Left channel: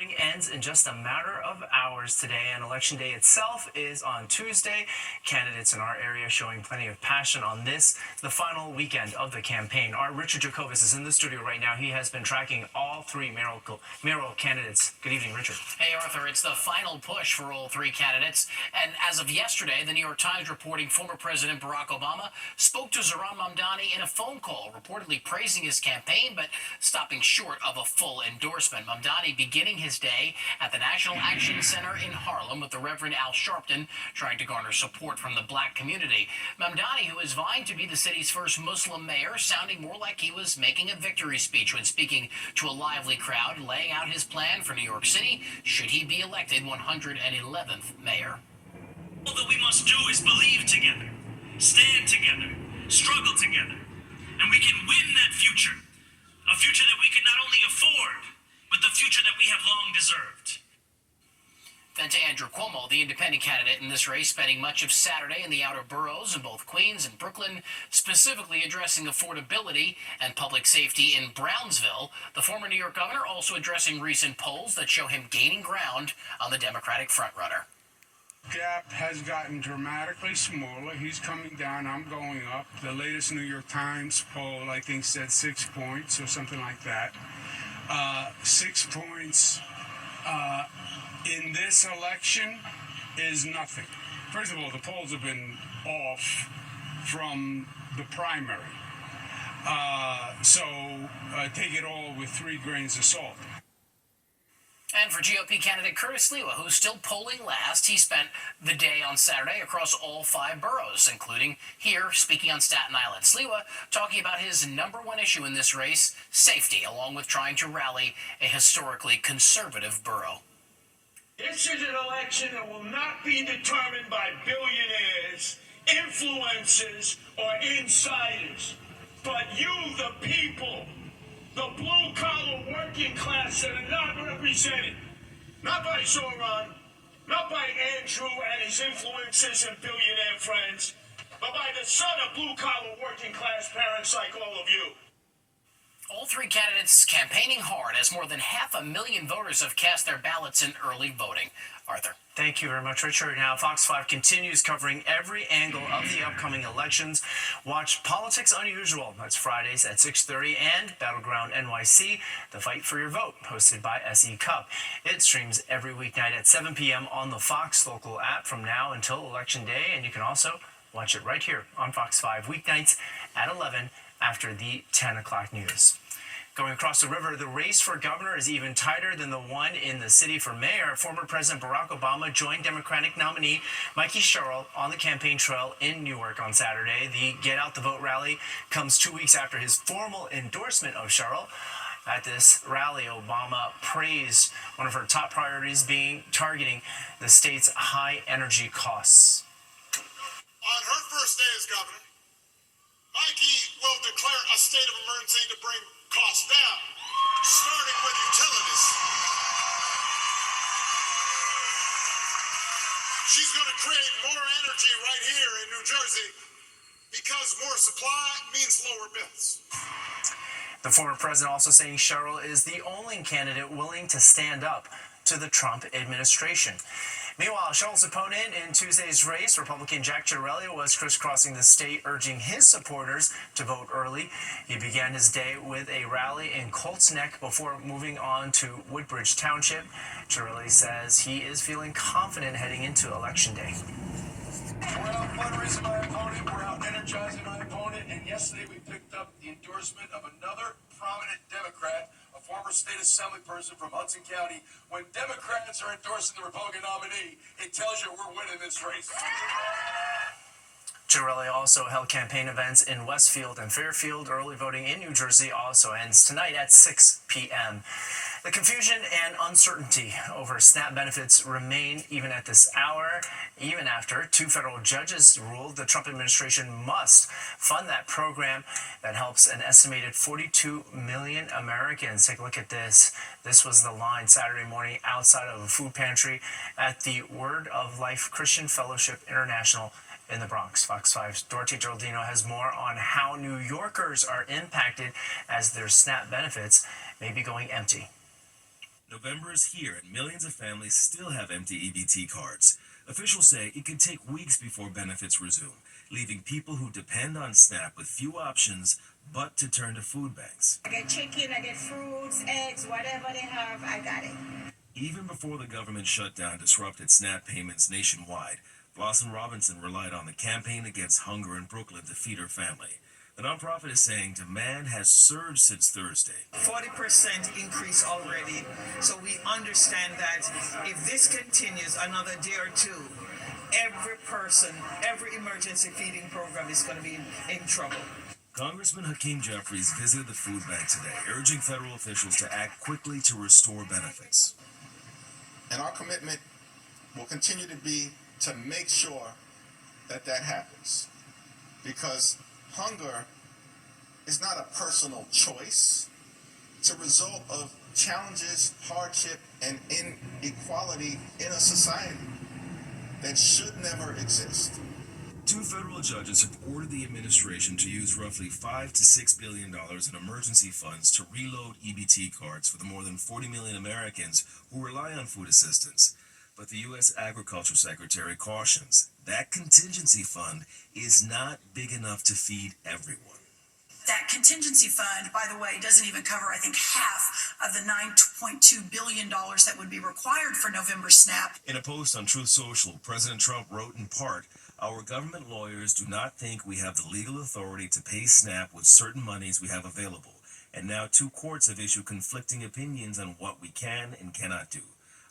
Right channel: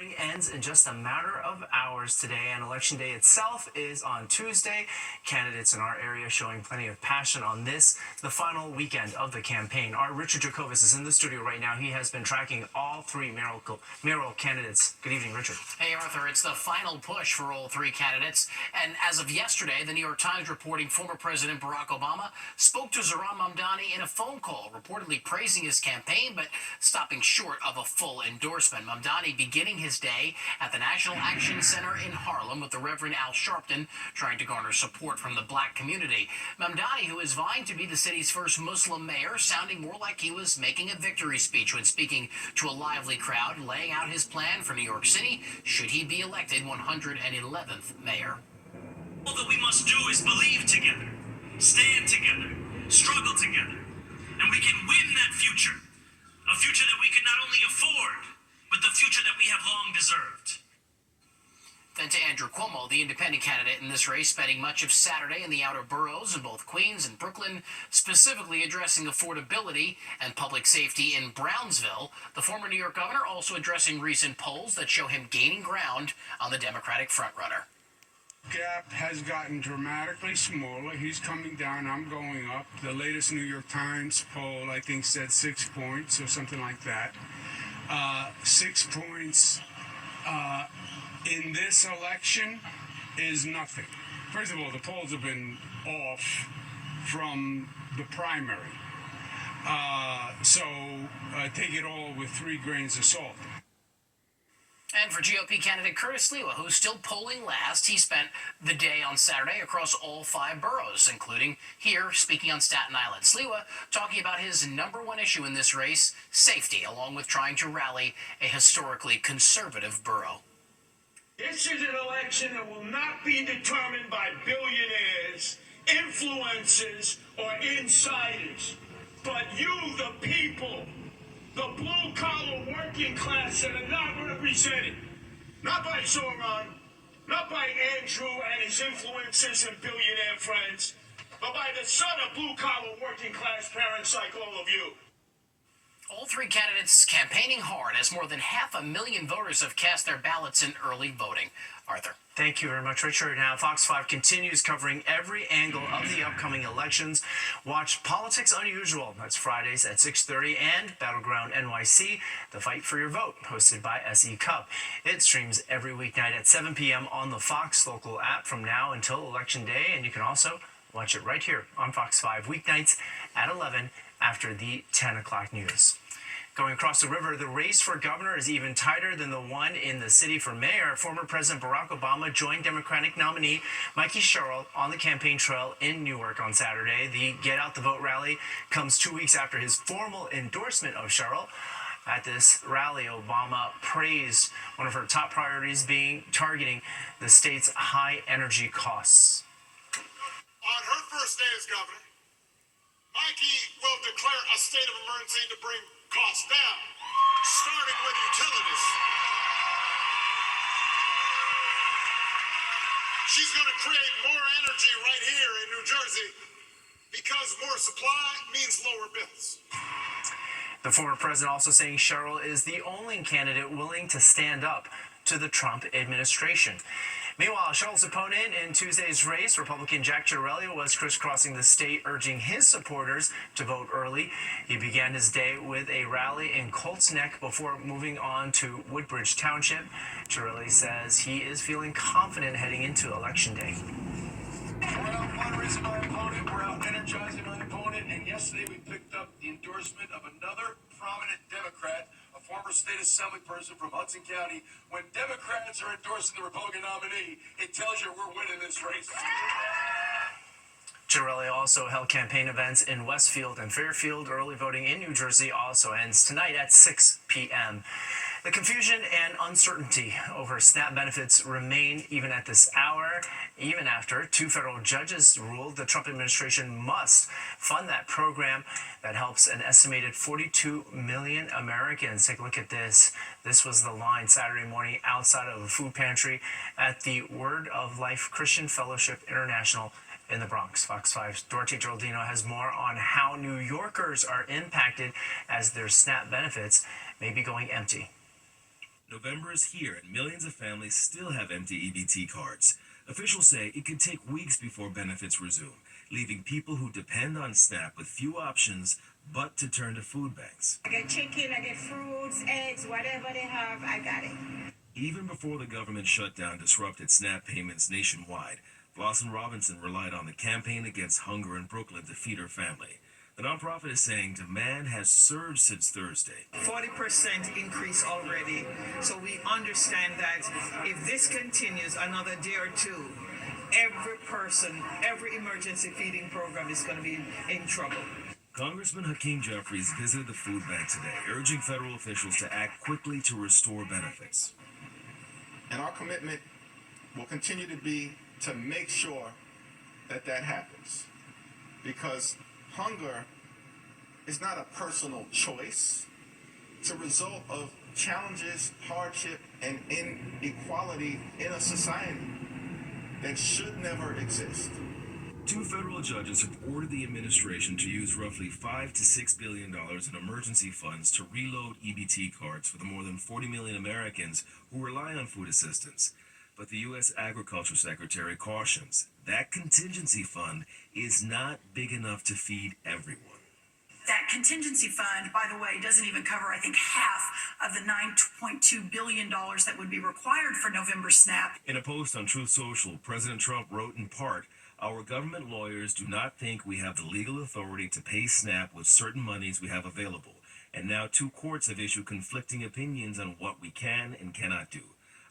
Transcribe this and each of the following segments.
Ends in just a matter of hours today, and election day itself is on Tuesday. Candidates in our area showing plenty of passion on this, the final weekend of the campaign. Our Richard Jacobus is in the studio right now. He has been tracking all three mayoral candidates. Good evening, Richard. Hey, Arthur. It's the final push for all three candidates. And as of yesterday, the New York Times reporting former President Barack Obama spoke to Zohran Mamdani in a phone call, reportedly praising his campaign, but stopping short of a full endorsement. Mamdani beginning his day at the National Action Center in Harlem with the Reverend Al Sharpton, trying to garner support from the black community. Mamdani, who is vying to be the city's first Muslim mayor, sounding more like he was making a victory speech when speaking to a lively crowd, laying out his plan for New York City should he be elected 111th mayor. All that we must do is believe together, stand together, struggle together, and we can win that future. A future that we can not only afford, but the future that we have long deserved. Then to Andrew Cuomo, the independent candidate in this race, spending much of Saturday in the outer boroughs in both Queens and Brooklyn, specifically addressing affordability and public safety in Brownsville. The former New York governor also addressing recent polls that show him gaining ground on the Democratic frontrunner. Gap has gotten dramatically smaller. He's coming down, I'm going up. The latest New York Times poll, I think, said 6 points or something like that. 6 points in this election is nothing. First of all, the polls have been off from the primary. So take it all with 3 grains of salt. And for GOP candidate Curtis Sliwa, who's still polling last, he spent the day on Saturday across all 5 boroughs, including here, speaking on Staten Island. Sliwa talking about his #1 issue in this race, safety, along with trying to rally a historically conservative borough. This is an election that will not be determined by billionaires, influencers, or insiders, but you, the people. The blue-collar working class that are not represented, not by Zohran, not by Andrew and his influencers and billionaire friends, but by the son of blue-collar working class parents like all of you. All 3 candidates campaigning hard as more than 500,000 voters have cast their ballots in early voting. Arthur. Thank you very much, Richard. Now, Fox 5 continues covering every angle of the upcoming elections. Watch Politics Unusual. That's Fridays at 6:30, and Battleground NYC, The Fight for Your Vote, hosted by SE Cup. It streams every weeknight at 7 p.m. on the Fox local app from now until Election Day, and you can also watch it right here on Fox 5 weeknights at 11 after the 10 o'clock news. Going across the river, the race for governor is even tighter than the one in the city for mayor. Former President Barack Obama joined Democratic nominee Mikey Sherrill on the campaign trail in Newark on Saturday. The Get Out the Vote rally comes 2 weeks after his formal endorsement of Sherrill. At this rally, Obama praised one of her top priorities being targeting the state's high energy costs. On her first day as governor, Mikey will declare a state of emergency to bring costs down, starting with utilities. She's going to create more energy right here in New Jersey because more supply means lower bills. The former president also saying Sherrill is the only candidate willing to stand up to the Trump administration. Meanwhile, Sherrill's opponent in Tuesday's race, Republican Jack Ciattarelli, was crisscrossing the state, urging his supporters to vote early. He began his day with a rally in Colts Neck before moving on to Woodbridge Township. Ciattarelli says he is feeling confident heading into Election Day. We're out fundraising our opponent, we're out energizing our opponent, and yesterday we picked up the endorsement of another prominent Democrat, a former state assembly person from Hudson County. When Democrats are endorsing the Republican nominee, it tells you we're winning this race. Ciattarelli also held campaign events in Westfield and Fairfield. Early voting in New Jersey also ends tonight at 6 p.m. The confusion and uncertainty over SNAP benefits remain even at this hour, even after 2 federal judges ruled the Trump administration must fund that program that helps an estimated 42 million Americans. Take a look at this. This was the line Saturday morning outside of a food pantry at the Word of Life Christian Fellowship International in the Bronx. Fox 5's Dorothy Geraldino has more on how New Yorkers are impacted as their SNAP benefits may be going empty. November is here and millions of families still have empty EBT cards. Officials say it could take weeks before benefits resume, leaving people who depend on SNAP with few options but to turn to food banks. I get chicken, I get fruits, eggs, whatever they have, I got it. Even before the government shutdown disrupted SNAP payments nationwide, Blossom Robinson relied on the Campaign Against Hunger in Brooklyn to feed her family. The nonprofit is saying demand has surged since Thursday. 40% increase already. So we understand that if this continues another day or two, every person, every emergency feeding program is going to be in trouble. Congressman Hakeem Jeffries visited the food bank today, urging federal officials to act quickly to restore benefits. And our commitment will continue to be to make sure that that happens. Because hunger is not a personal choice. It's a result of challenges, hardship, and inequality in a society that should never exist. 2 federal judges have ordered the administration to use roughly $5 to $6 billion in emergency funds to reload EBT cards for the more than 40 million Americans who rely on food assistance. But the U.S. Agriculture Secretary cautions that contingency fund is not big enough to feed everyone. That contingency fund, by the way, doesn't even cover, I think, half of the $9.2 billion that would be required for November SNAP. In a post on Truth Social, President Trump wrote in part, "Our government lawyers do not think we have the legal authority to pay SNAP with certain monies we have available. And now 2 courts have issued conflicting opinions on what we can and cannot do.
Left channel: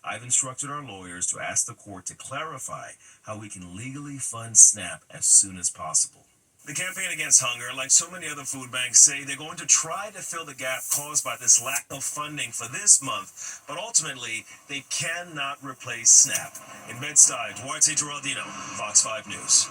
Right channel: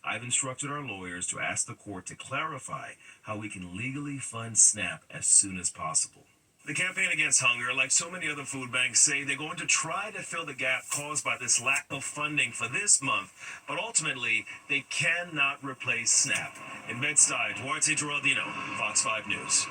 I've instructed our lawyers to ask the court to clarify how we can legally fund SNAP as soon as possible." The Campaign Against Hunger, like so many other food banks, say they're going to try to fill the gap caused by this lack of funding for this month, but ultimately, they cannot replace SNAP. In Bed-Stuy, Duarte Geraldino, Fox 5 News.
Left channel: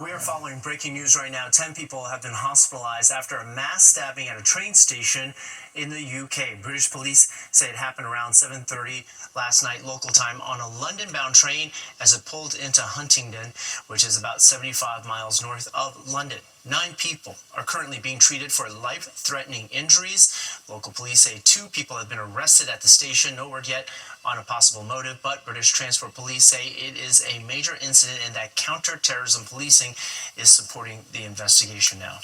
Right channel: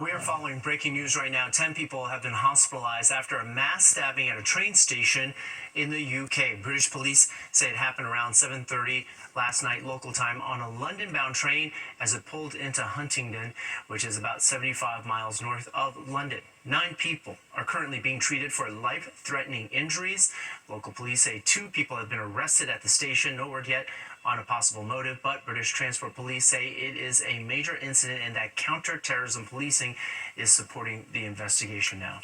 We are following breaking news right now. 10 people have been hospitalized after a mass stabbing at a train station in the UK. British police say it happened around 7:30 last night local time on a London-bound train as it pulled into Huntingdon, which is about 75 miles north of London. 9 people are currently being treated for life-threatening injuries. Local police say 2 people have been arrested at the station. No word yet on a possible motive, but British Transport Police say it is a major incident and that counter-terrorism policing is supporting the investigation now.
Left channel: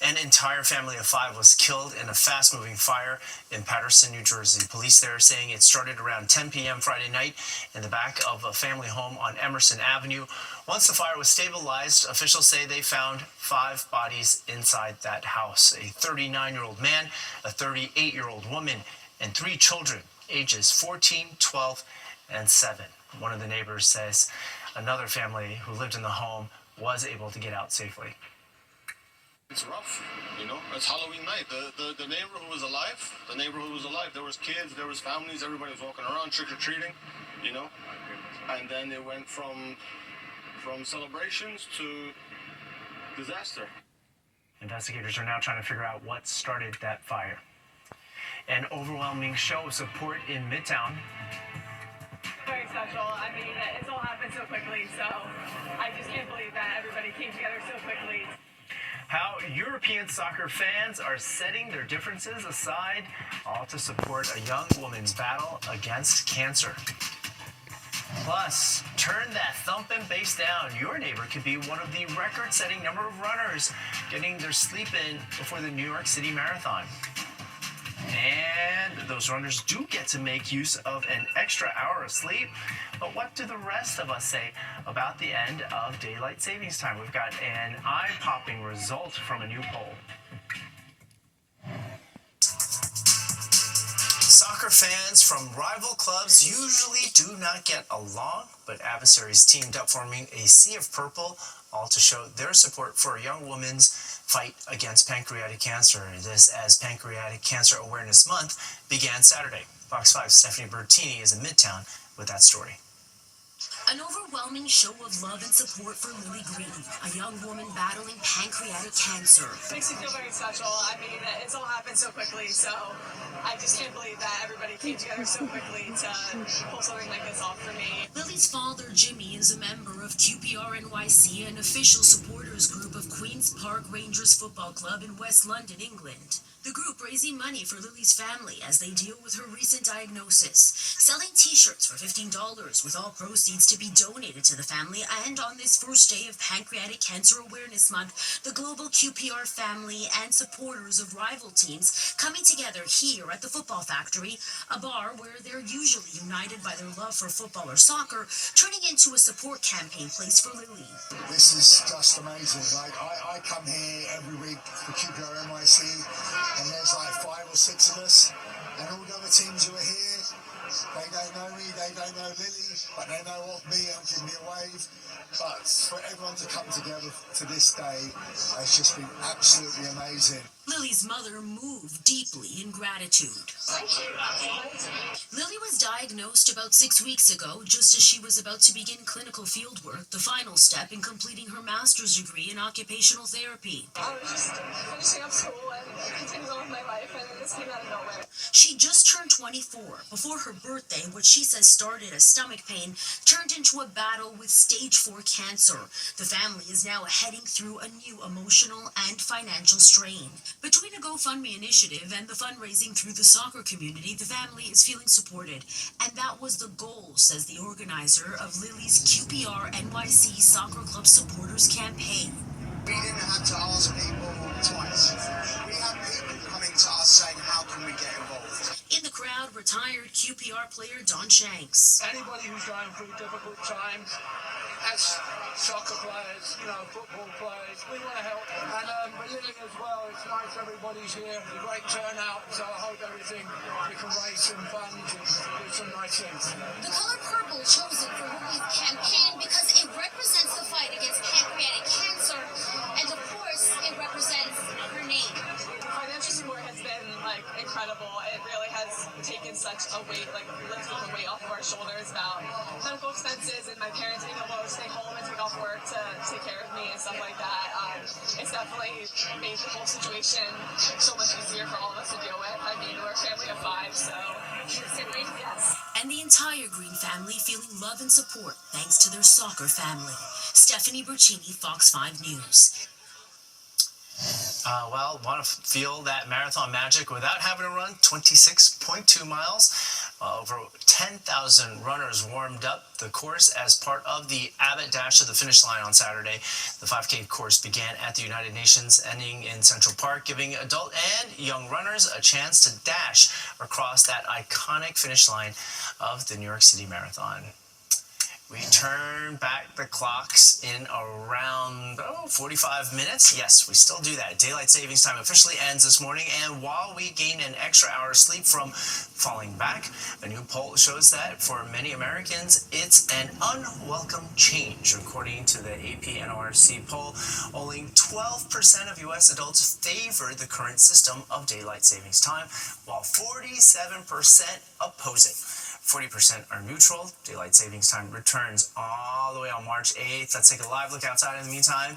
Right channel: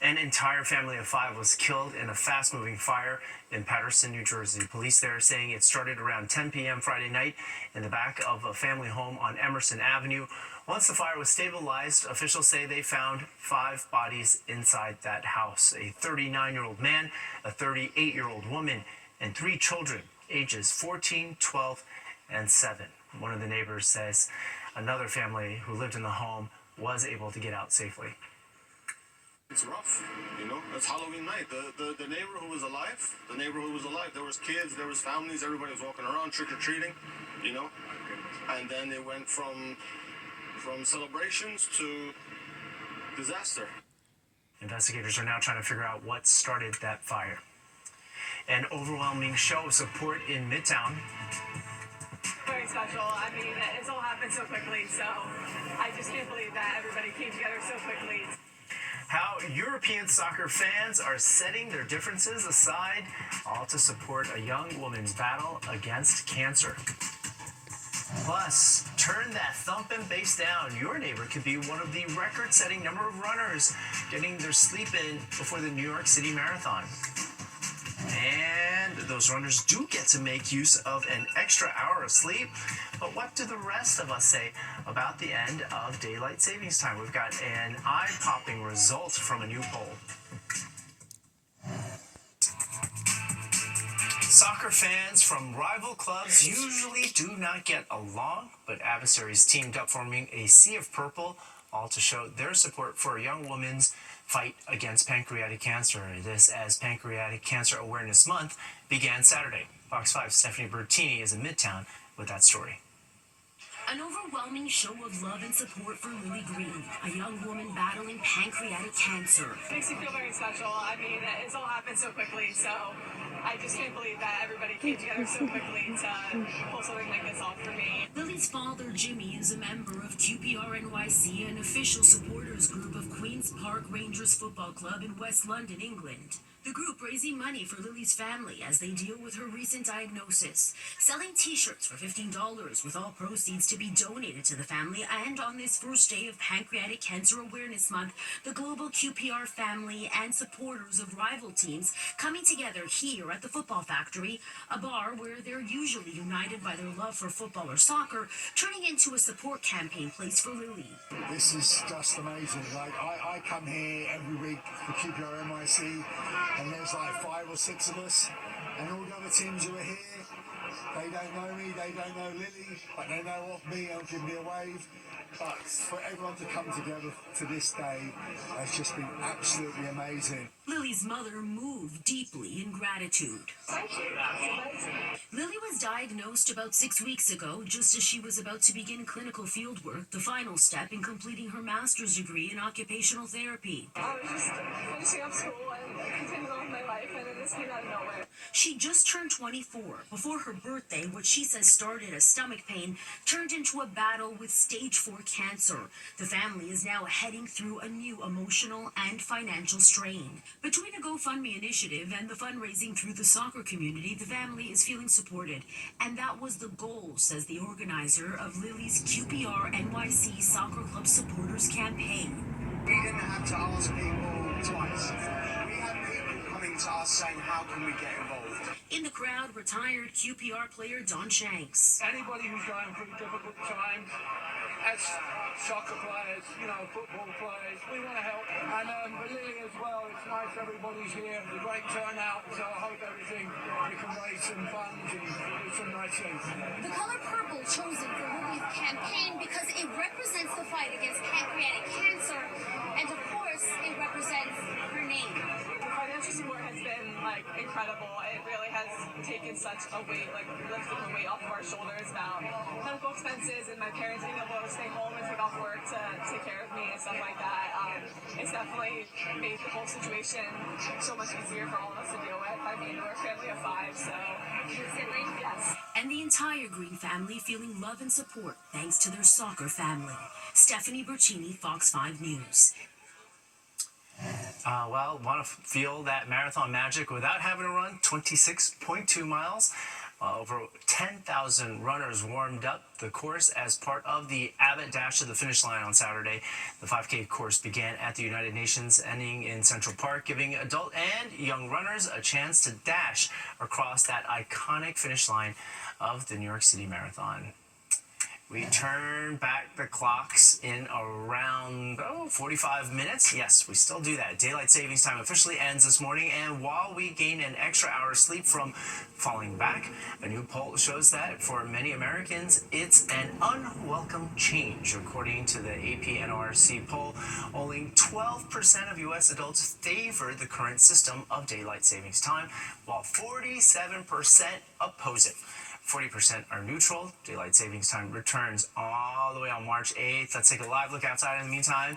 An entire family of 5 was killed in a fast-moving fire in Paterson, New Jersey. Police there are saying it started around 10 p.m. Friday night in the back of a family home on Emerson Avenue. Once the fire was stabilized, officials say they found 5 bodies inside that house. A 39-year-old man, a 38-year-old woman, and 3 children, ages 14, 12, and 7. One of the neighbors says another family who lived in the home was able to get out safely. It's rough, you know. It's Halloween night. The neighborhood was alive. There was kids, there was families, everybody was walking around trick-or-treating, you know. And then it went from celebrations to disaster. Investigators are now trying to figure out what started that fire. An overwhelming show of support in Midtown. Very special. I mean, it's all happened so quickly, so I just can't believe that everybody came together so quickly. How European soccer fans are setting their differences aside, all to support a young woman's battle against cancer. Plus, turn that thumping bass down. Your neighbor could be one of the record-setting number of runners getting their sleep in before the New York City Marathon. And those runners do get to make use of an extra hour of sleep. But what do the rest of us say about the end of daylight savings time? We've got an eye-popping result from a new poll. Soccer fans from rival clubs usually do not get along, but adversaries teamed up, forming a sea of purple, all to show their support for a young woman's fight against pancreatic cancer. This as Pancreatic Cancer Awareness Month began Saturday. Fox 5's Stephanie Bertini is in Midtown with that story. An overwhelming show of love and support for Lily Green, a young woman battling pancreatic cancer. It makes me feel very special. I mean, it's all happened so quickly, so I just can't believe that everybody came together so quickly to pull something like this off for me. Lily's father, Jimmy, is a member of QPR NYC, an official supporters group of Queen's Park Rangers Football Club in West London, England. The group raising money for Lily's family as they deal with her recent diagnosis, selling t-shirts for $15 with all proceeds to be donated to the family. And on this first day of Pancreatic Cancer Awareness Month, the global QPR family and supporters of rival teams coming together here at the Football Factory, a bar where they're usually united by their love for football or soccer, turning into a support campaign place for Lily. This is just amazing. Like I come here every week for QPR NYC, and there's like 5 or 6 of us, and all the other teams who are here, they don't know me, they don't know Lily, but they know of me and give me a wave. But for everyone to come together to this day has just been absolutely amazing. Lily's mother moved deeply in gratitude. Thank you. Lily was diagnosed about 6 weeks ago, just as she was about to begin clinical fieldwork, the final step in completing her master's degree in occupational therapy. I was just finishing up school and continuing on with my life, and it just came out of nowhere. She just turned 24 before her birthday. What she says started as stomach pain turned into a battle with stage 4 cancer. The family is now heading through a new emotional and financial strain. Between a GoFundMe initiative and the fundraising through the soccer community, the family is feeling supported. And that was the goal, says the organizer of Lily's QPR NYC Soccer Club Supporters Campaign. We didn't have to ask people twice. We had people coming to us saying, how can we get involved? In the crowd, retired QPR player Don Shanks. Anybody who's going through difficult times, as soccer players, football players, we want to help. And Lily as well, it's nice everybody's here. It's a great turnout, so I hope we can raise some funds and do some nice things. The color purple chosen for Lily's campaign because it represents the fight against pancreatic cancer, and of course, it represents her name. The financial support has been incredible. It really has taken such a weight, lifted the weight off of our shoulders about medical expenses and my parents being able to stay home and take off work to take care of me and stuff like that. It's definitely made the whole situation so much easier for all of us to deal with. I mean, we're a family of 5, so siblings, yes. And the entire Green family feeling love and support thanks to their soccer family. Stephanie Bertini, Fox 5 News. Want to feel that marathon magic without having to run 26.2 miles? Over 10,000 runners warmed up the course as part of the Abbott Dash to the Finish Line on Saturday. The 5K course began at the United Nations, ending in Central Park, giving adult and young runners a chance to dash across that iconic finish line of the New York City Marathon. We turn back the clocks in around 45 minutes. Yes, we still do that. Daylight savings time officially ends this morning, and while we gain an extra hour of sleep from falling back, a new poll shows that for many Americans, it's an unwelcome change. According to the AP NRC poll, only 12% of U.S. adults favor the current system of daylight savings time, while 47% oppose it. 40% are neutral. Daylight savings time returns all the way on March 8th. Let's take a live look outside in the meantime,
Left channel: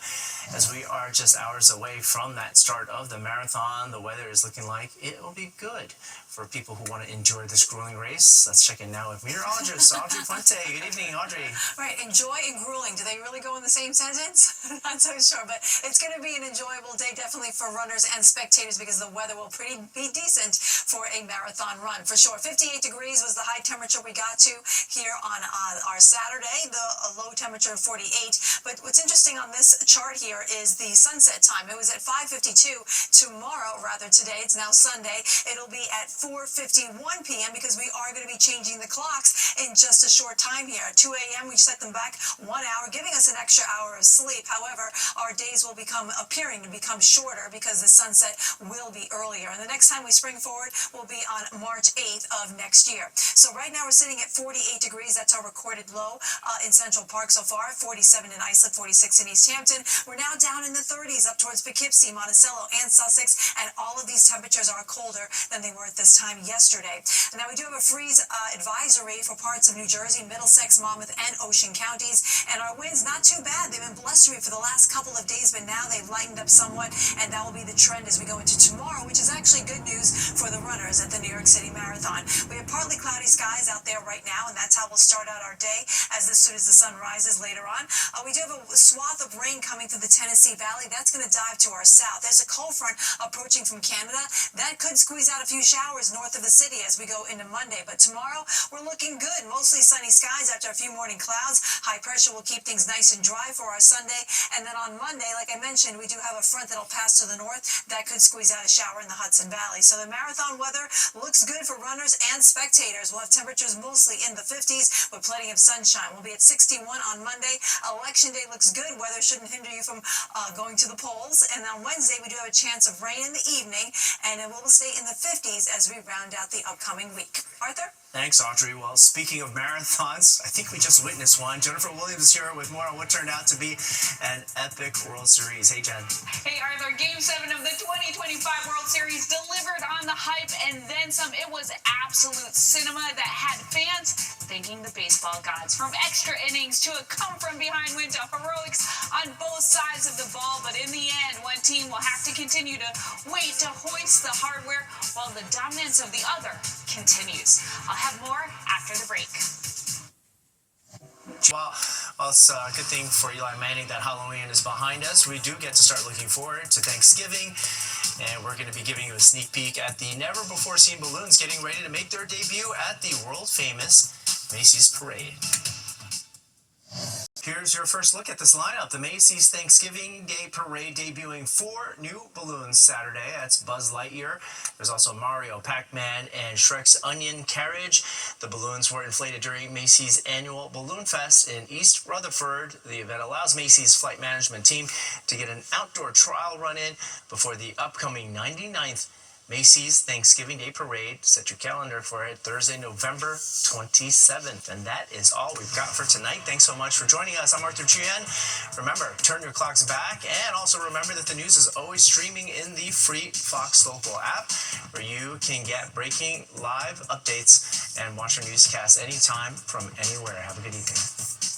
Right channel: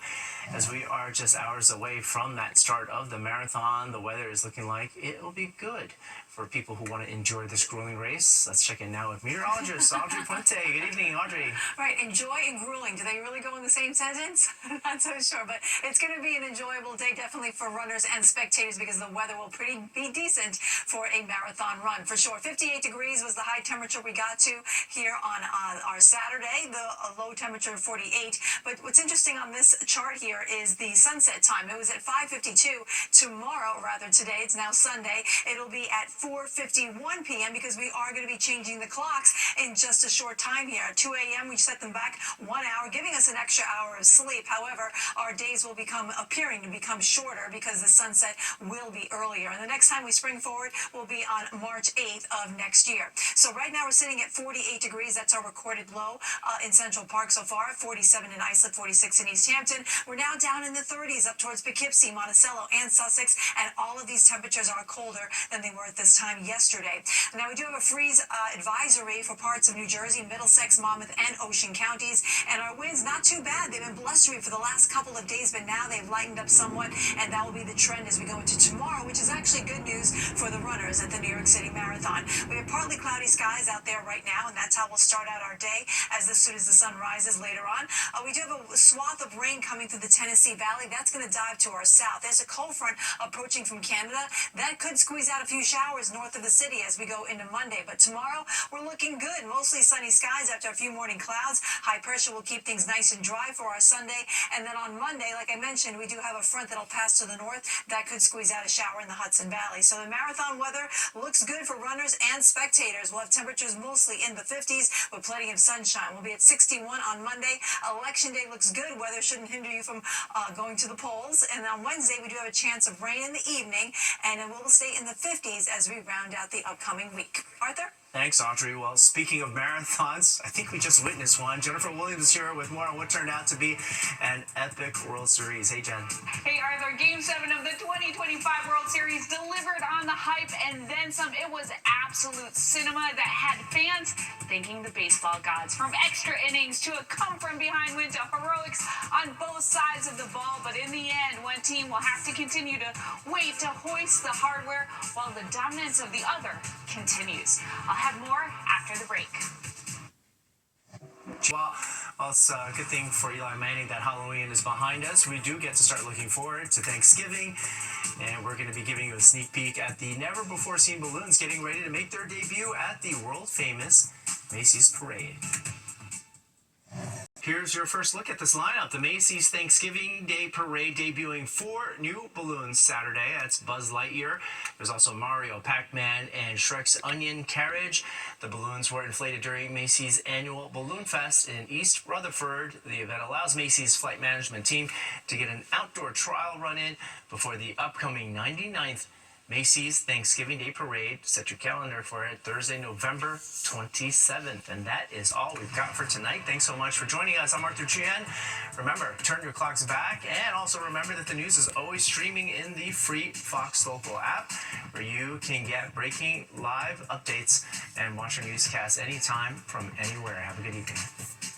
as we are just hours away from that start of the marathon. The weather is looking like it will be good for people who want to enjoy this grueling race. Let's check in now with meteorologist Audrey Puente. Good evening, Audrey. Right, enjoy and grueling. Do they really go in the same sentence? Not so sure, but it's going to be an enjoyable day, definitely for runners and spectators, because the weather will be decent for a marathon run, for sure. 58 degrees was the high temperature we got to here on our Saturday, the low temperature of 48. But what's interesting on this chart here is the sunset time. It was at 5:52. Tomorrow, rather today, it's now Sunday, it'll be at 4:51 p.m. because we are going to be changing the clocks in just a short time here. At 2 a.m. we set them back 1 hour, giving us an extra hour of sleep. However, our days will appearing to become shorter because the sunset will be earlier. And the next time we spring forward will be on March 8th of next year. So right now we're sitting at 48 degrees. That's our recorded low in Central Park so far. 47 in Islip, 46 in East Hampton. We're now down in the 30s up towards Poughkeepsie, Monticello, and Sussex, and all of these temperatures are colder than they were at this time yesterday. Now we do have a freeze advisory for parts of New Jersey, Middlesex, Monmouth, and Ocean counties, and our winds not too bad. They've been blustery for the last couple of days, but now they've lightened up somewhat, and that will be the trend as we go into tomorrow, which is actually good news for the runners at the New York City Marathon. We have partly cloudy skies skies out there right now, and that's how we'll start out our day as soon as the sun rises later on. We do have a swath of rain coming through the Tennessee Valley. That's going to dive to our south. There's a cold front approaching from Canada. That could squeeze out a few showers north of the city as we go into Monday. But tomorrow, we're looking good. Mostly sunny skies after a few morning clouds. High pressure will keep things nice and dry for our Sunday. And then on Monday, like I mentioned, we do have a front that'll pass to the north. That could squeeze out a shower in the Hudson Valley. So the marathon weather looks good for runners and spectators. We'll have temperatures mostly in the 50s with plenty of sunshine. We'll be at 61 on Monday. Election day looks good. Weather shouldn't hinder you from going to the polls. And on Wednesday, we do have a chance of rain in the evening, and it will stay in the 50s as we round out the upcoming week. Arthur? Thanks, Audrey. Well, speaking of marathons, I think we just witnessed one. Jennifer Williams is here with more on what turned out to be an epic World Series. Hey, Jen. Hey, Arthur. Game 7 of the 2025 World Series delivered on the hype and then some. It was absolute cinema that had fans thanking the baseball gods. From extra innings to a come-from-behind win to heroics on both sides of the ball. But in the end, one team will have to continue to wait to hoist the hardware while the dominance of the other continues. I'll have more after the break. Well, it's a good thing for Eli Manning that Halloween is behind us. We do get to start looking forward to Thanksgiving, and we're going to be giving you a sneak peek at the never-before-seen balloons getting ready to make their debut at the world-famous Macy's Parade. Here's your first look at this lineup. The Macy's Thanksgiving Day Parade debuting 4 new balloons Saturday. That's Buzz Lightyear. There's also Mario, Pac-Man, and Shrek's Onion Carriage. The balloons were inflated during Macy's annual Balloon Fest in East Rutherford. The event allows Macy's flight management team to get an outdoor trial run in before the upcoming 99th Macy's Thanksgiving Day Parade. Set your calendar for it, Thursday, November 27th. And that is all we've got for tonight. Thanks so much for joining us. I'm Arthur Chien. Remember, turn your clocks back, and also remember that the news is always streaming in the free Fox Local app, where you can get breaking live updates and watch our newscasts anytime from anywhere. Have a good evening.